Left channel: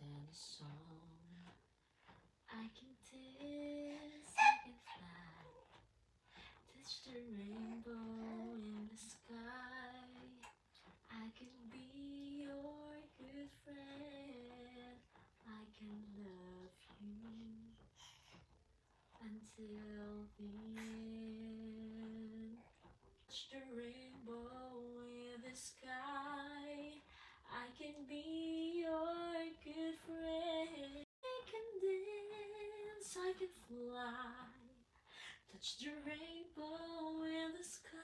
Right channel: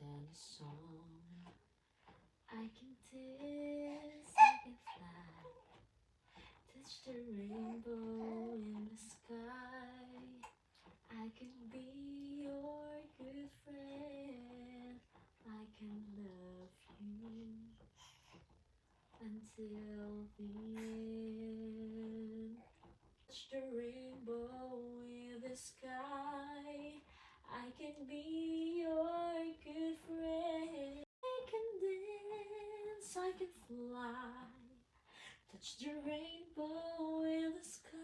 than a song. I can dance, I can fly, touch the rainbow in the sky. I can be your good friend. I can love you until the end. Touch the rainbow in the sky. I can be your good friend. I can dance, I can fly, touch the rainbow in the sky.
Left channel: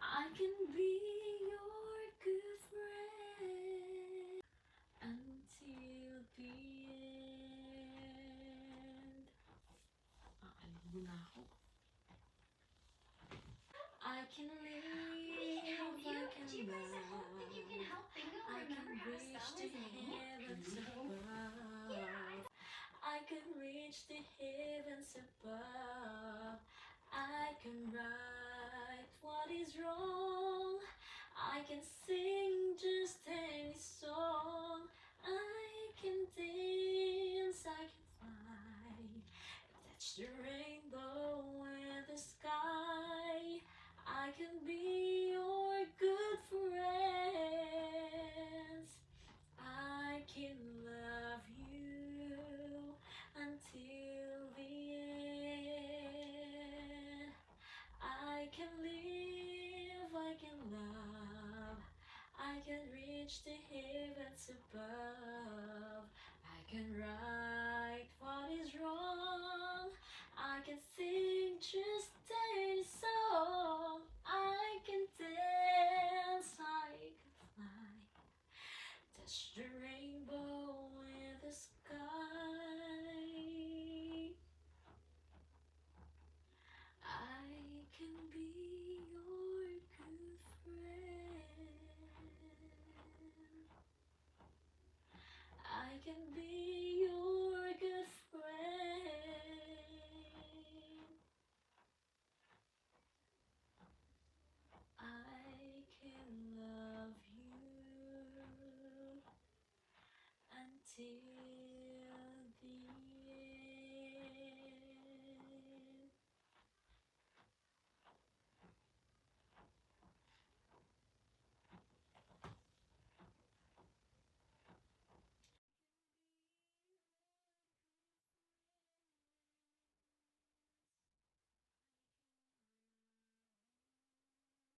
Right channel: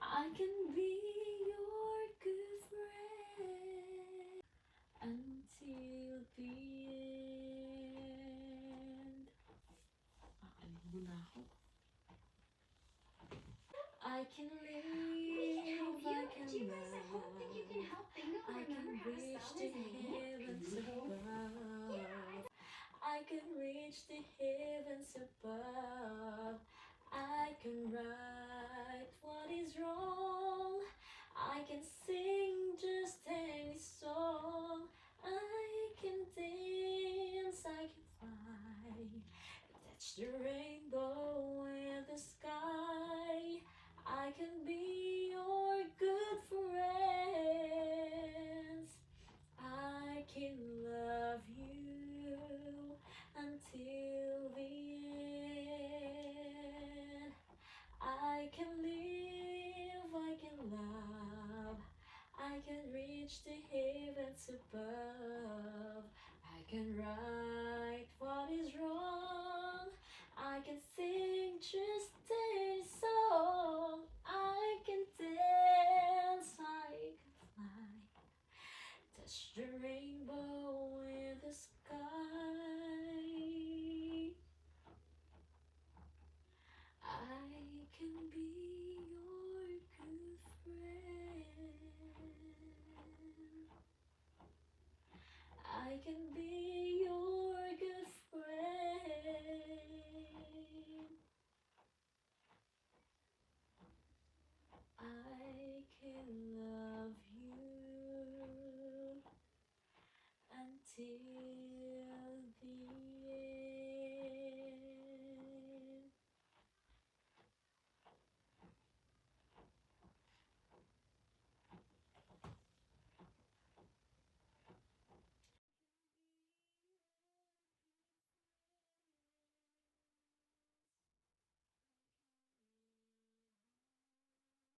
I can be your good friend until the end. Muna ako. I can live, I can love, I can reach the heavens above. I can reach the heavens above. I can right what is wrong. I can sing just any song. I can dance, I can fly, touch the rainbow in the sky. I can be your good friend. I can love you until the end. I can live, I can love, I can reach the heavens above. I can right what is wrong. I can sing just any song. I can dance, I can fly, touch the rainbow in the sky. I can be your good friend. I can be your good friend. I can love you until